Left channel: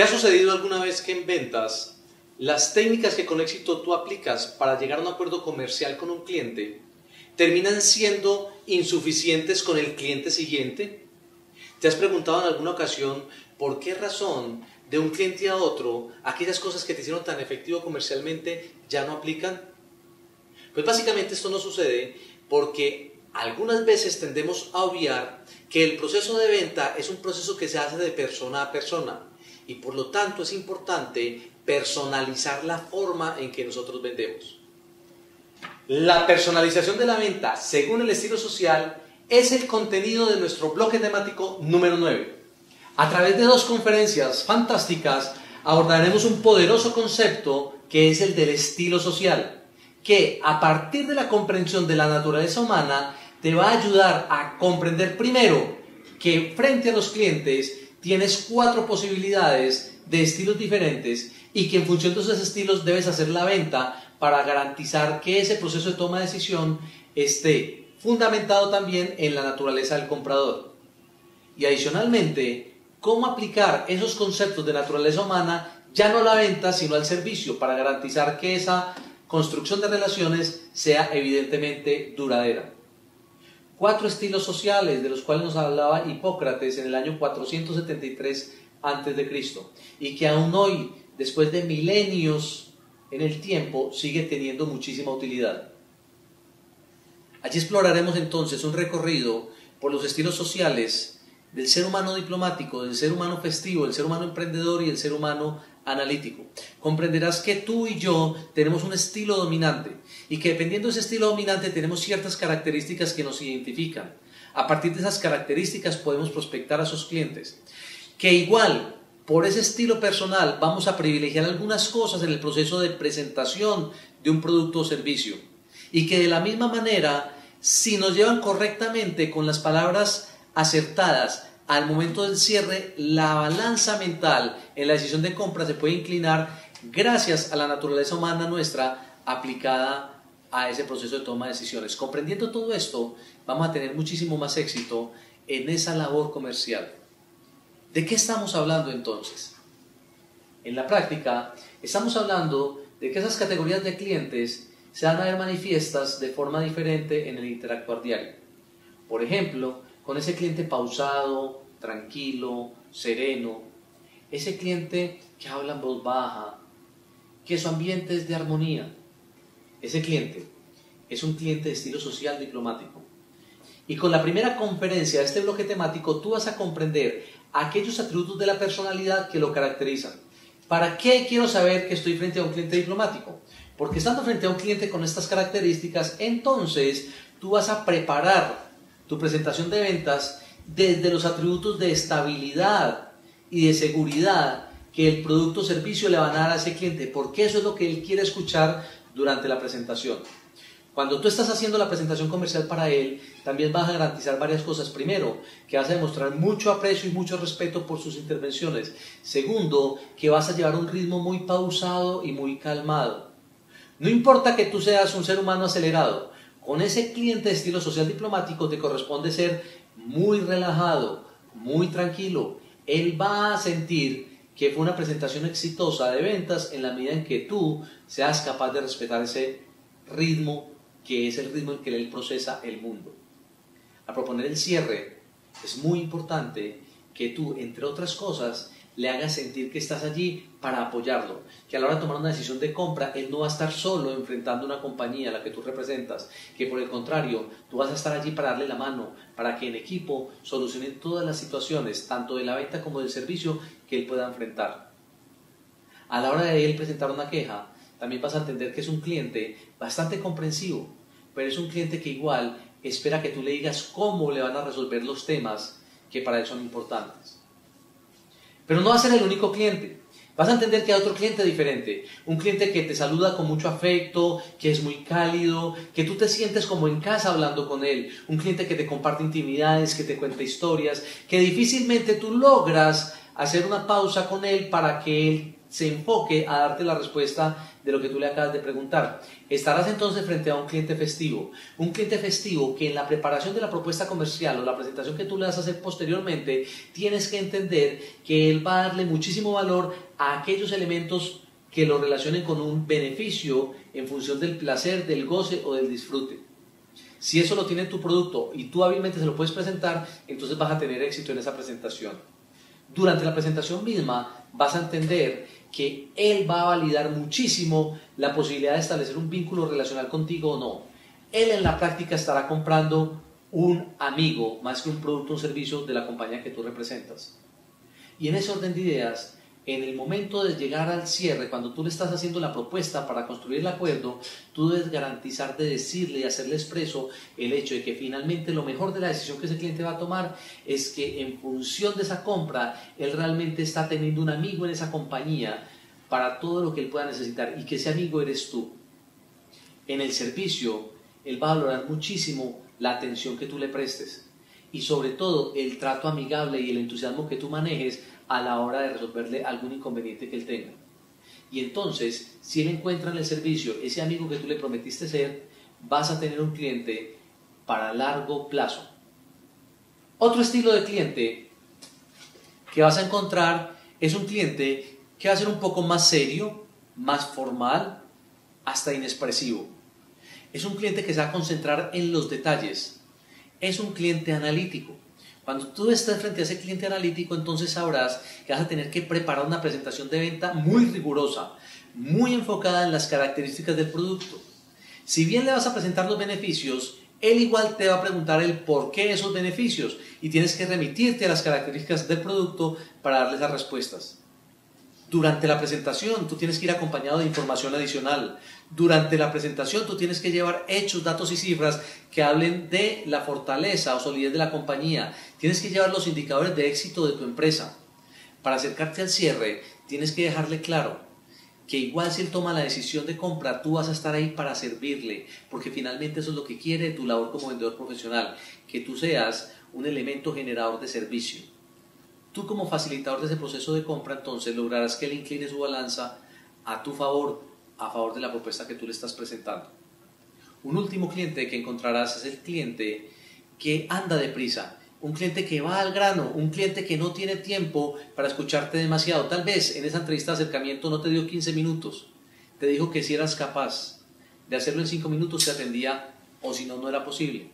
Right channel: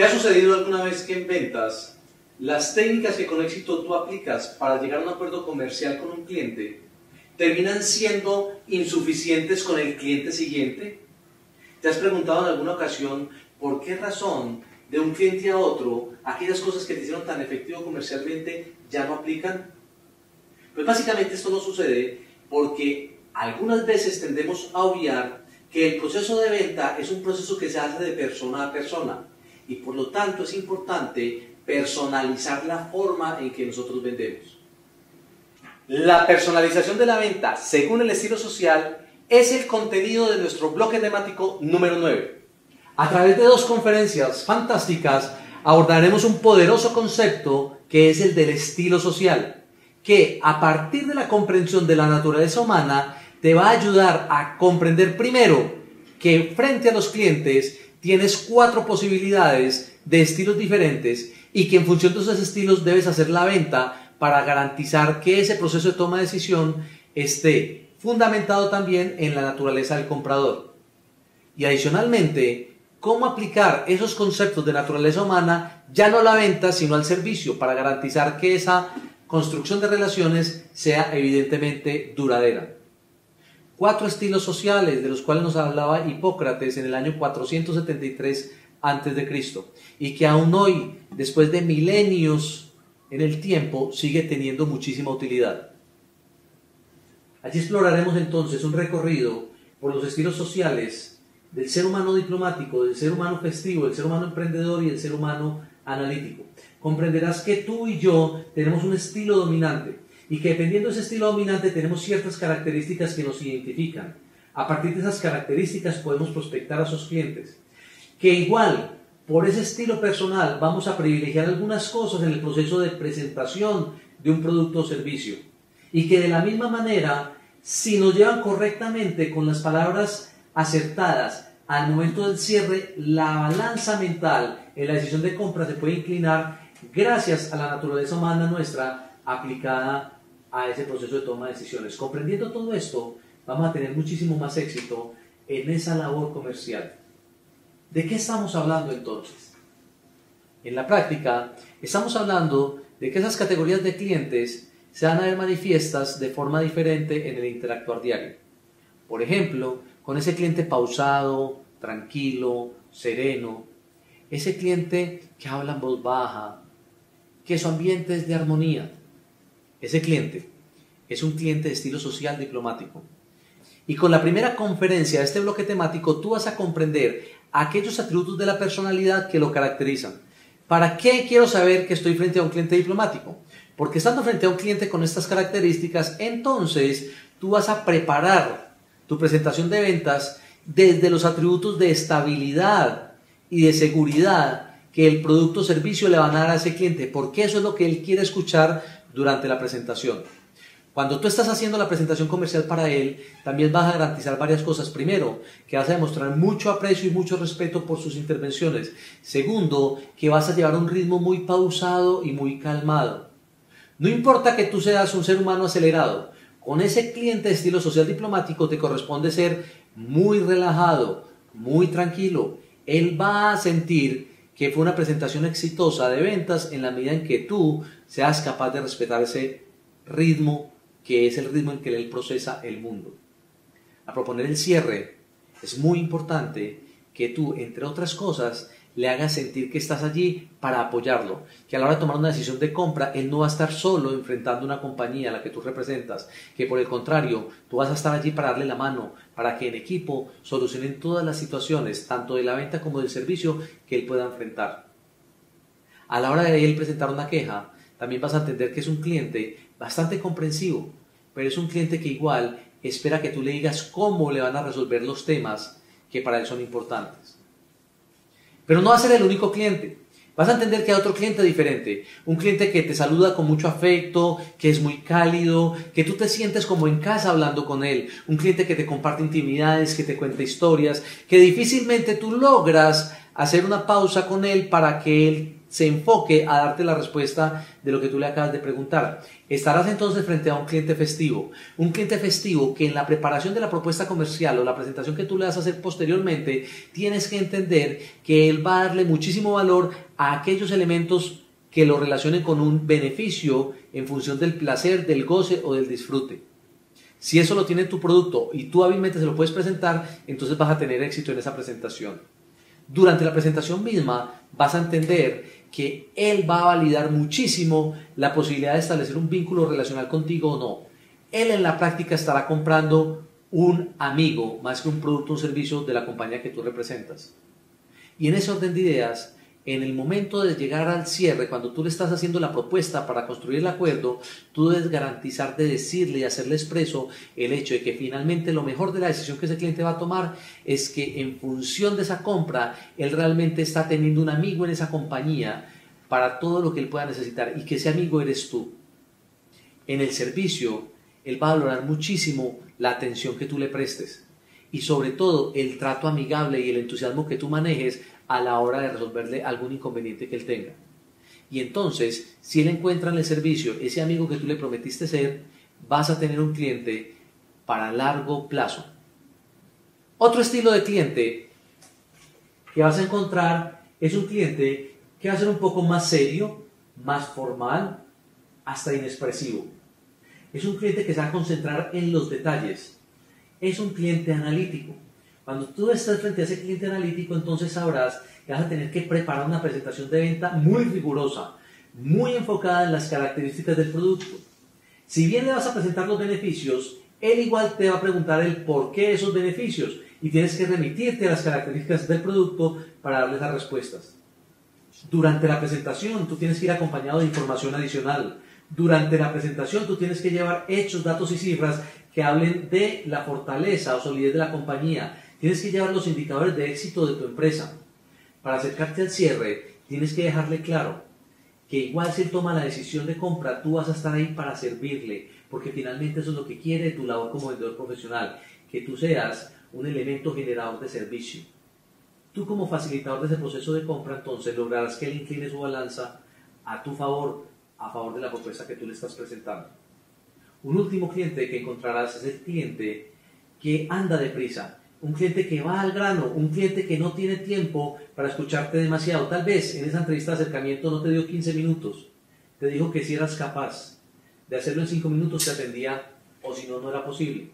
¿Te ha sucedido alguna vez que en ventas las técnicas que con éxito tú aplicas para llegar a un acuerdo comercial con un cliente terminan siendo insuficientes con el cliente siguiente? ¿Te has preguntado en alguna ocasión por qué razón de un cliente a otro aquellas cosas que te hicieron tan efectivo comercialmente ya no aplican? Pues básicamente esto no sucede porque algunas veces tendemos a obviar que el proceso de venta es un proceso que se hace de persona a persona y por lo tanto es importante personalizar la forma en que nosotros vendemos. La personalización de la venta, según el estilo social, es el contenido de nuestro bloque temático número 9. A través de 2 conferencias fantásticas abordaremos un poderoso concepto que es el del estilo social, que a partir de la comprensión de la naturaleza humana te va a ayudar a comprender primero que frente a los clientes tienes 4 posibilidades de estilos diferentes y que en función de esos estilos debes hacer la venta para garantizar que ese proceso de toma de decisión esté fundamentado también en la naturaleza del comprador. Y adicionalmente, cómo aplicar esos conceptos de naturaleza humana ya no a la venta sino al servicio para garantizar que esa construcción de relaciones sea evidentemente duradera. 4 estilos sociales de los cuales nos hablaba Hipócrates en el año 473 a.C. y que aún hoy, después de milenios en el tiempo, sigue teniendo muchísima utilidad. Allí exploraremos entonces un recorrido por los estilos sociales del ser humano diplomático, del ser humano festivo, del ser humano emprendedor y del ser humano analítico. Comprenderás que tú y yo tenemos un estilo dominante y que dependiendo de ese estilo dominante tenemos ciertas características que nos identifican. A partir de esas características podemos prospectar a esos clientes. Que igual, por ese estilo personal, vamos a privilegiar algunas cosas en el proceso de presentación de un producto o servicio. Y que de la misma manera, si nos llevan correctamente con las palabras acertadas al momento del cierre, la balanza mental en la decisión de compra se puede inclinar gracias a la naturaleza humana nuestra aplicada a ese proceso de toma de decisiones. Comprendiendo todo esto, vamos a tener muchísimo más éxito en esa labor comercial. ¿De qué estamos hablando entonces? En la práctica, estamos hablando de que esas categorías de clientes se van a ver manifiestas de forma diferente en el interactuar diario. Por ejemplo, con ese cliente pausado, tranquilo, sereno, ese cliente que habla en voz baja, que su ambiente es de armonía. Ese cliente es un cliente de estilo social diplomático. Y con la primera conferencia de este bloque temático, tú vas a comprender aquellos atributos de la personalidad que lo caracterizan. ¿Para qué quiero saber que estoy frente a un cliente diplomático? Porque estando frente a un cliente con estas características, entonces tú vas a preparar tu presentación de ventas desde los atributos de estabilidad y de seguridad que el producto o servicio le van a dar a ese cliente, porque eso es lo que él quiere escuchar durante la presentación. Cuando tú estás haciendo la presentación comercial para él, también vas a garantizar varias cosas. Primero, que vas a demostrar mucho aprecio y mucho respeto por sus intervenciones. Segundo, que vas a llevar un ritmo muy pausado y muy calmado. No importa que tú seas un ser humano acelerado, con ese cliente de estilo social diplomático te corresponde ser muy relajado, muy tranquilo. Él va a sentir que fue una presentación exitosa de ventas en la medida en que tú seas capaz de respetar ese ritmo que es el ritmo en que él procesa el mundo. Al proponer el cierre, es muy importante que tú, entre otras cosas, le hagas sentir que estás allí para apoyarlo, que a la hora de tomar una decisión de compra, él no va a estar solo enfrentando una compañía a la que tú representas, que por el contrario, tú vas a estar allí para darle la mano, para que en equipo solucionen todas las situaciones, tanto de la venta como del servicio, que él pueda enfrentar. A la hora de él presentar una queja, también vas a entender que es un cliente bastante comprensivo, pero es un cliente que igual espera que tú le digas cómo le van a resolver los temas que para él son importantes. Pero no va a ser el único cliente. Vas a entender que hay otro cliente diferente, un cliente que te saluda con mucho afecto, que es muy cálido, que tú te sientes como en casa hablando con él, un cliente que te comparte intimidades, que te cuenta historias, que difícilmente tú logras hacer una pausa con él para que él se enfoque a darte la respuesta de lo que tú le acabas de preguntar. Estarás entonces frente a un cliente festivo que en la preparación de la propuesta comercial o la presentación que tú le vas a hacer posteriormente, tienes que entender que él va a darle muchísimo valor a aquellos elementos que lo relacionen con un beneficio en función del placer, del goce o del disfrute. Si eso lo tiene tu producto y tú hábilmente se lo puedes presentar, entonces vas a tener éxito en esa presentación. Durante la presentación misma vas a entender que él va a validar muchísimo la posibilidad de establecer un vínculo relacional contigo o no. Él en la práctica estará comprando un amigo más que un producto o un servicio de la compañía que tú representas. Y en ese orden de ideas, en el momento de llegar al cierre, cuando tú le estás haciendo la propuesta para construir el acuerdo, tú debes garantizar de decirle y hacerle expreso el hecho de que finalmente lo mejor de la decisión que ese cliente va a tomar es que en función de esa compra, él realmente está teniendo un amigo en esa compañía para todo lo que él pueda necesitar y que ese amigo eres tú. En el servicio, él va a valorar muchísimo la atención que tú le prestes y sobre todo el trato amigable y el entusiasmo que tú manejes a la hora de resolverle algún inconveniente que él tenga. Y entonces, si él encuentra en el servicio ese amigo que tú le prometiste ser, vas a tener un cliente para largo plazo. Otro estilo de cliente que vas a encontrar es un cliente que va a ser un poco más serio, más formal, hasta inexpresivo. Es un cliente que se va a concentrar en los detalles. Es un cliente analítico. Cuando tú estás frente a ese cliente analítico, entonces sabrás que vas a tener que preparar una presentación de venta muy rigurosa, muy enfocada en las características del producto. Si bien le vas a presentar los beneficios, él igual te va a preguntar el por qué esos beneficios y tienes que remitirte a las características del producto para darle esas respuestas. Durante la presentación tú tienes que ir acompañado de información adicional. Durante la presentación tú tienes que llevar hechos, datos y cifras que hablen de la fortaleza o solidez de la compañía. Tienes que llevar los indicadores de éxito de tu empresa. Para acercarte al cierre tienes que dejarle claro que igual si él toma la decisión de compra, tú vas a estar ahí para servirle, porque finalmente eso es lo que quiere tu labor como vendedor profesional, que tú seas un elemento generador de servicio. Tú como facilitador de ese proceso de compra, entonces lograrás que él incline su balanza a tu favor, a favor de la propuesta que tú le estás presentando. Un último cliente que encontrarás es el cliente que anda deprisa, un cliente que va al grano, un cliente que no tiene tiempo para escucharte demasiado. Tal vez en esa entrevista de acercamiento no te dio 15 minutos, te dijo que si eras capaz de hacerlo en 5 minutos te atendía o si no, no era posible.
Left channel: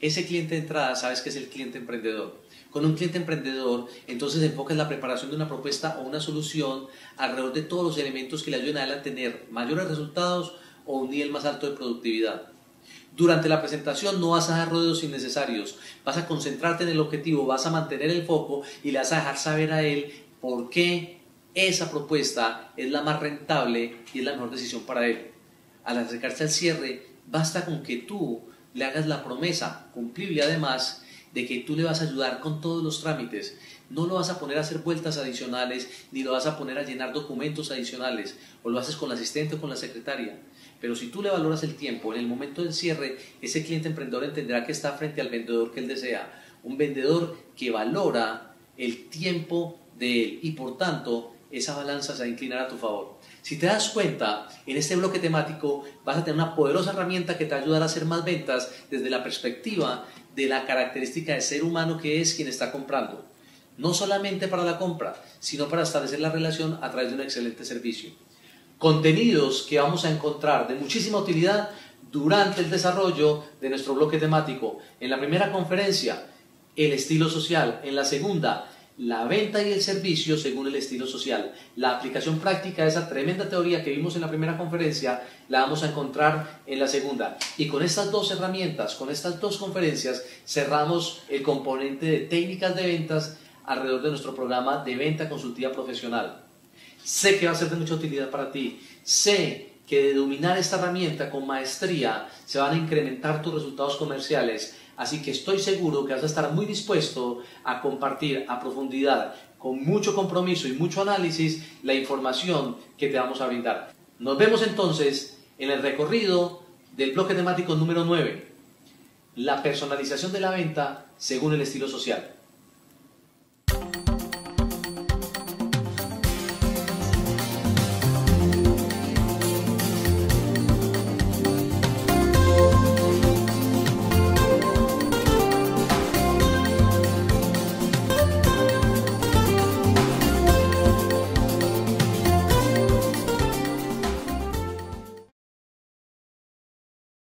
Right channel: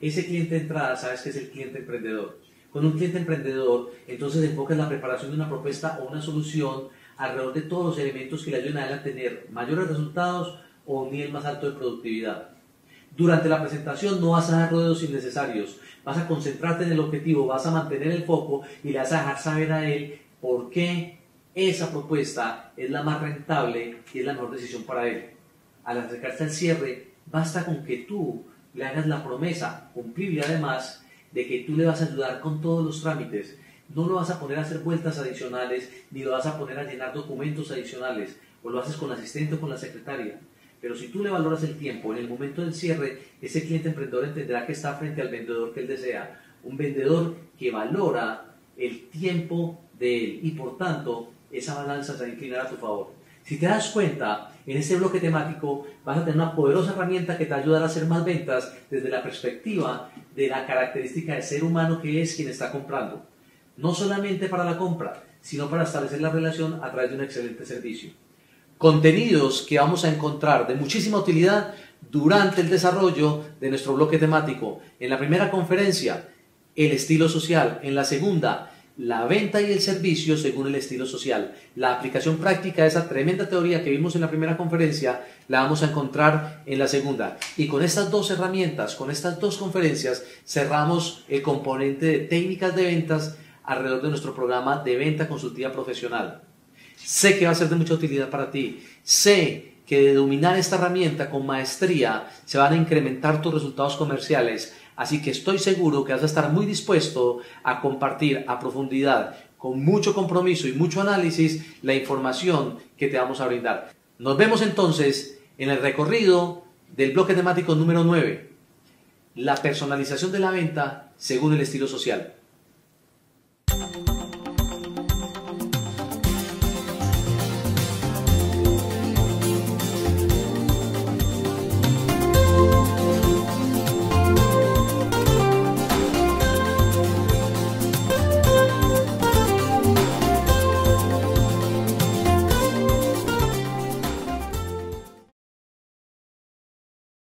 Ese cliente de entrada sabes que es el cliente emprendedor. Con un cliente emprendedor, entonces enfocas la preparación de una propuesta o una solución alrededor de todos los elementos que le ayuden a él a tener mayores resultados o un nivel más alto de productividad. Durante la presentación no vas a dar rodeos innecesarios, vas a concentrarte en el objetivo, vas a mantener el foco y le vas a dejar saber a él por qué esa propuesta es la más rentable y es la mejor decisión para él. Al acercarse al cierre, basta con que tú le hagas la promesa, cumplible además, de que tú le vas a ayudar con todos los trámites. No lo vas a poner a hacer vueltas adicionales, ni lo vas a poner a llenar documentos adicionales, o lo haces con la asistente o con la secretaria. Pero si tú le valoras el tiempo, en el momento del cierre, ese cliente emprendedor entenderá que está frente al vendedor que él desea. Un vendedor que valora el tiempo de él y por tanto esa balanza se va a inclinar a tu favor. Si te das cuenta, en este bloque temático vas a tener una poderosa herramienta que te ayudará a hacer más ventas desde la perspectiva de la característica de ser humano que es quien está comprando. No solamente para la compra, sino para establecer la relación a través de un excelente servicio. Contenidos que vamos a encontrar de muchísima utilidad durante el desarrollo de nuestro bloque temático. En la primera conferencia, el estilo social. En la segunda, la venta y el servicio según el estilo social. La aplicación práctica de esa tremenda teoría que vimos en la primera conferencia la vamos a encontrar en la segunda. Y con estas dos herramientas, con estas dos conferencias, cerramos el componente de técnicas de ventas alrededor de nuestro programa de venta consultiva profesional. Sé que va a ser de mucha utilidad para ti. Sé que de dominar esta herramienta con maestría se van a incrementar tus resultados comerciales. Así que estoy seguro que vas a estar muy dispuesto a compartir a profundidad, con mucho compromiso y mucho análisis, la información que te vamos a brindar. Nos vemos entonces en el recorrido del bloque temático número 9, la personalización de la venta según el estilo social.